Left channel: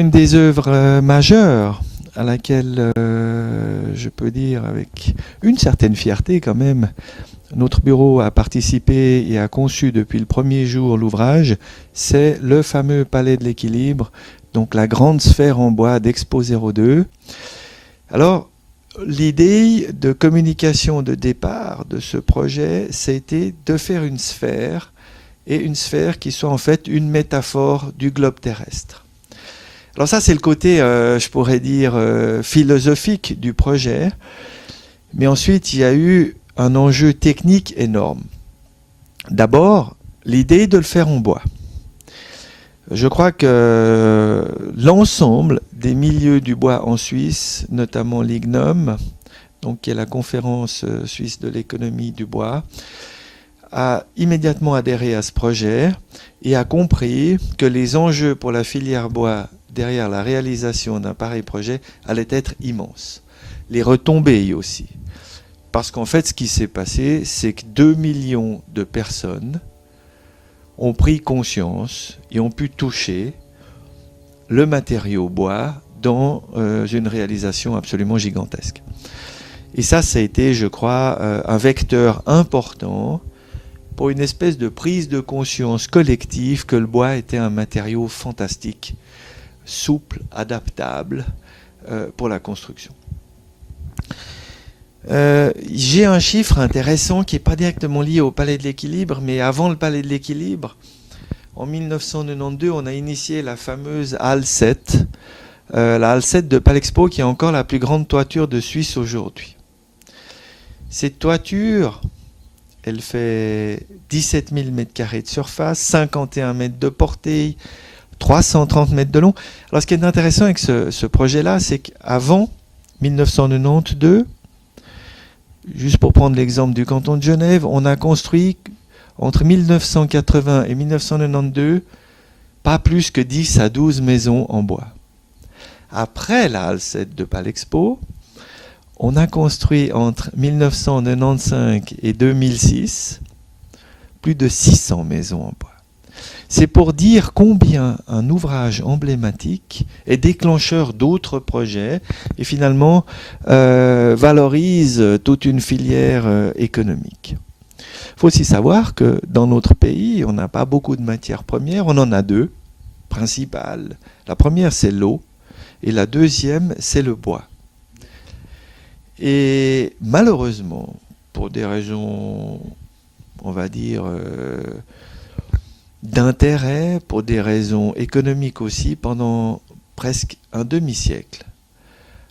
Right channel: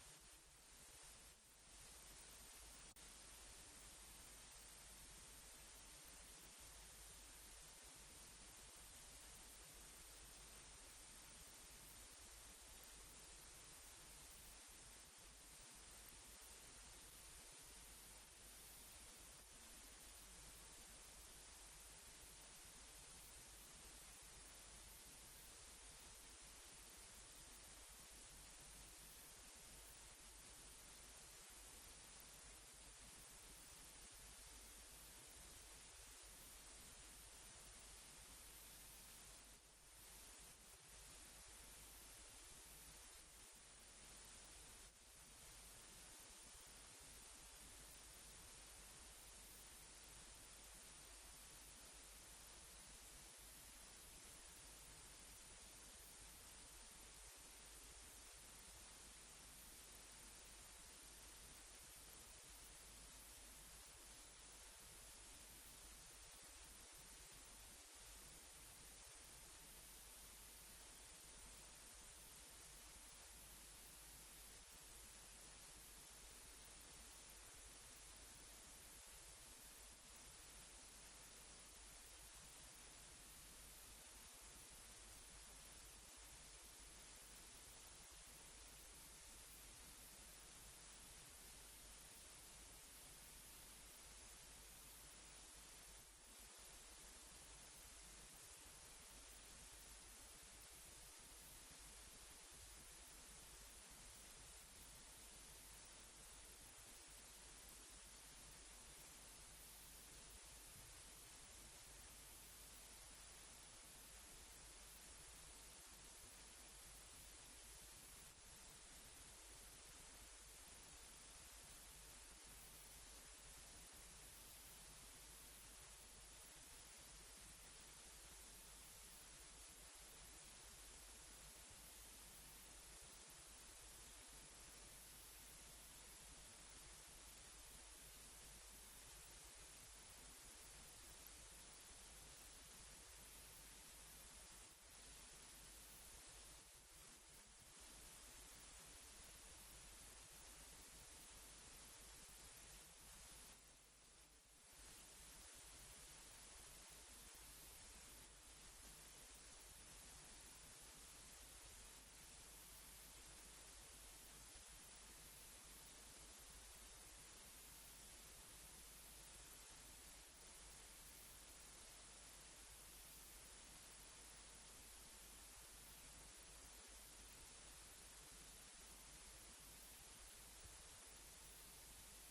Une des œuvres majeures à laquelle je peux dire avec une certaine fierté quand même, notre bureau a participé et a conçu depuis le premier jour l'ouvrage, c'est le fameux Palais de l'équilibre, donc la grande sphère en bois d'Expo 02. Alors, l'idée de communication de départ de ce projet, c'était de faire une sphère, et une sphère qui soit en fait une métaphore du globe terrestre. Alors ça, c'est le côté, je pourrais dire, philosophique du projet. Mais ensuite, il y a eu un enjeu technique énorme. D'abord, l'idée de le faire en bois. Je crois que l'ensemble des milieux du bois en Suisse, notamment l'IGNOM, donc qui est la conférence suisse de l'économie du bois, a immédiatement adhéré à ce projet et a compris que les enjeux pour la filière bois derrière la réalisation d'un pareil projet allaient être immenses. Les retombées aussi. Parce qu'en fait, ce qui s'est passé, c'est que 2 millions de personnes ont pris conscience et ont pu toucher le matériau bois dans une réalisation absolument gigantesque. Et ça a été, je crois, un vecteur important pour une espèce de prise de conscience collective que le bois était un matériau fantastique, souple, adaptable pour la construction. J'ai un chiffre intéressant qui n'est pas directement lié au Palais de l'Équilibre, mais avant le Palais de l'Équilibre, en 1992, on a initié la fameuse Halle 7, la Halle 7 de Palexpo, qui est encore la plus grande toiture de Suisse aujourd'hui. Cette toiture, elle fait 17 000 m² de surface, 51 mètres de portée, 330 mètres de long. Alors ce qui est intéressant avec ce projet-là, c'est qu'avant 1992, juste pour prendre l'exemple du canton de Genève, on a construit entre 1980 et 1992 pas plus que 10 à 12 maisons en bois. Après la Halle 7 de Palexpo, on a construit entre 1995 et 2006 plus de 600 maisons en bois. C'est pour dire combien un ouvrage emblématique est déclencheur d'autres projets et finalement valorise toute une filière économique. Il faut aussi savoir que dans notre pays, on n'a pas beaucoup de matières premières, on en a deux principales. La première, c'est l'eau et la deuxième, c'est le bois. Et malheureusement, pour des raisons, on va dire, d'intérêt, pour des raisons économiques aussi, pendant presque un demi-siècle,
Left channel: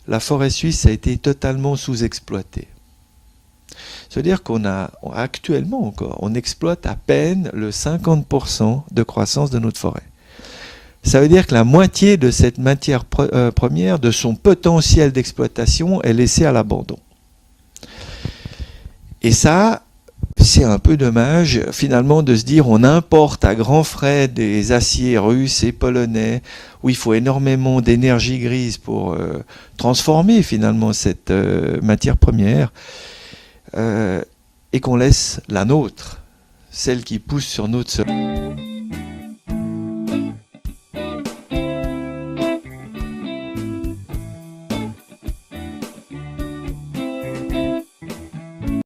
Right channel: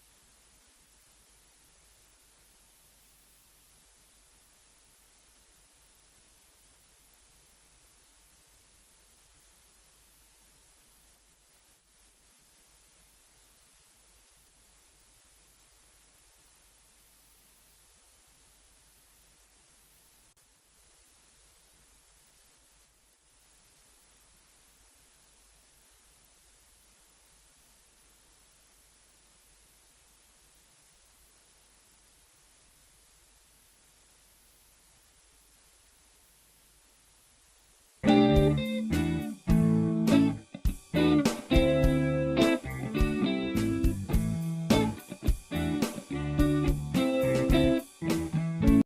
la forêt suisse a été totalement sous-exploitée. C'est-à-dire actuellement encore, on exploite à peine le 50% de croissance de notre forêt. Ça veut dire que la moitié de cette matière première, de son potentiel d'exploitation, est laissée à l'abandon. Et ça, c'est un peu dommage finalement de se dire on importe à grands frais des aciers russes et polonais où il faut énormément d'énergie grise pour transformer finalement cette matière première et qu'on laisse la nôtre, celle qui pousse sur notre sol.